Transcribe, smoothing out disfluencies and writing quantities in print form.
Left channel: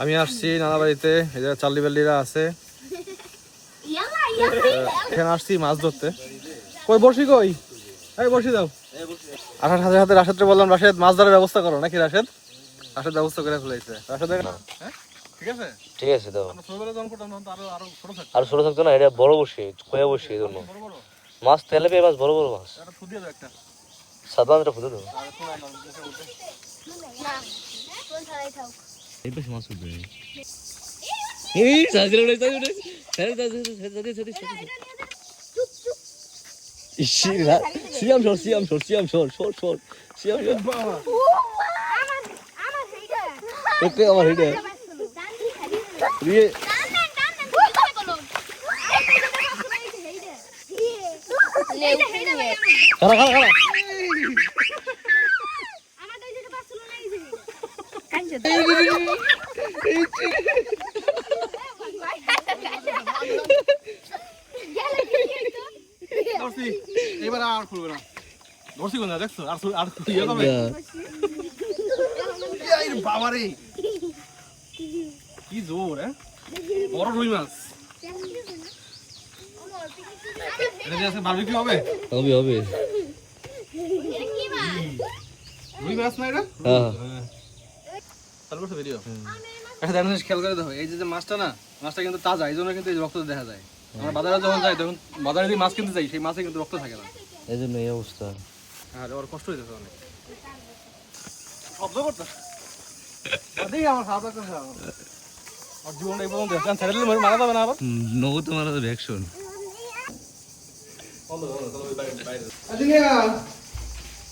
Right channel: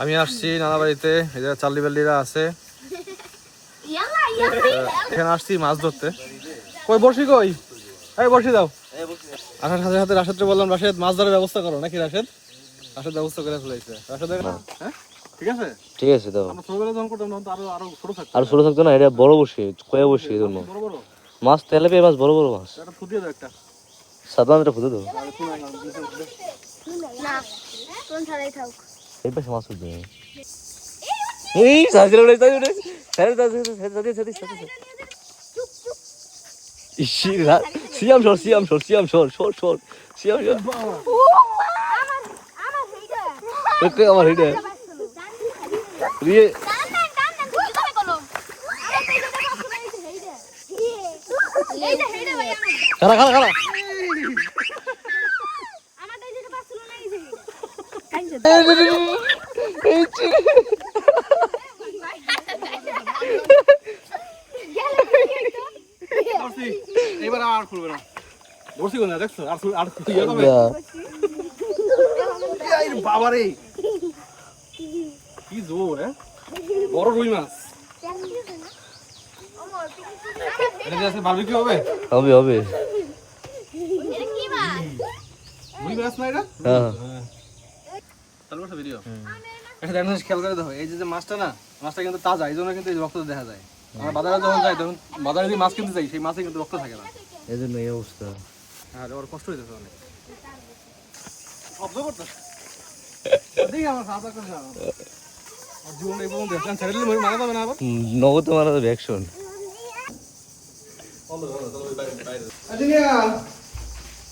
আমি আসছি নানা বাড়িতে, এই যে চাল্লি বাল্লিরা আছে, এখানে আসছি মাছ ধরতে। কই বড়শি কই? এই বড়শি দাও। আসার সাথে সাথে রাশেদকে বললাম, রাশেদ মাছ ধরার ব্যবস্থা করো, নাকি রাশেদ? রাশেদ ব্যবস্থা করে ফেলেছে। রাশেদ হ্যাঁ ঠিক আছে, ঠিক আছে দাও। আমরা ছোটবেলা যখন করতাম তখন তো আরো আরো ছোট থাকতো। আর ছোট থাকতো না, এটা বড় বসি, কয়া বসি এরকম বড় বড় মাছ, তেলাপিয়া মাছ, বড় বড় মাছ। একটা ফুটিয়ে দাও একটা। সাদা মাছটা খুঁজে দাও। আর শোনা গেল নিচের মধ্যে। এই পাশে মাছ উঠবে। এই সাজরে উড়ে সাজরে উড়ে সাজরে সাজরে সাজরে সাজরে ইশিরা সিয়াম শর সিয়াম শর সিয়াম শর শর শর সিয়াম শর ওকে আমার হেডে রিয়ে খারা খারা খারা এবার আর খুলবে না, ধরছি কোন দেখছো? আর আর ইয়ে হবে বাবা রে, কি জোর! বড় রুই মাছ। এটা কি আজকে বারবিকিউ হবে? হবে হবে রুই মাছ না এটা? হ্যাঁ তারপর ভিডিও একটা জিনিস খেয়াল করে দেখো, এই যে মাছটা না, মাছটা কিন্তু তাজা, এই জন্য কিন্তু এই রক্ত দেখা যায়। আমরা বাজারে যখন যাই তখন বাজারে যদি মাছ কিনতে যাই, সেই মাছে কিন্তু রক্ত থাকে না। এই জন্য এই অবস্থা। আর ওর কষ্ট হইতেছে অনেক, শব্দ করতে দেখি আমার খাওয়া দাওয়া করছে আর জীবন এই পর্যন্ত দেখলাম, ছেড়ে দিলে মারা যাবে না আবার। নগদ মারা রিয়াকশন বন্ধ বন্ধ, চলো বাইরে।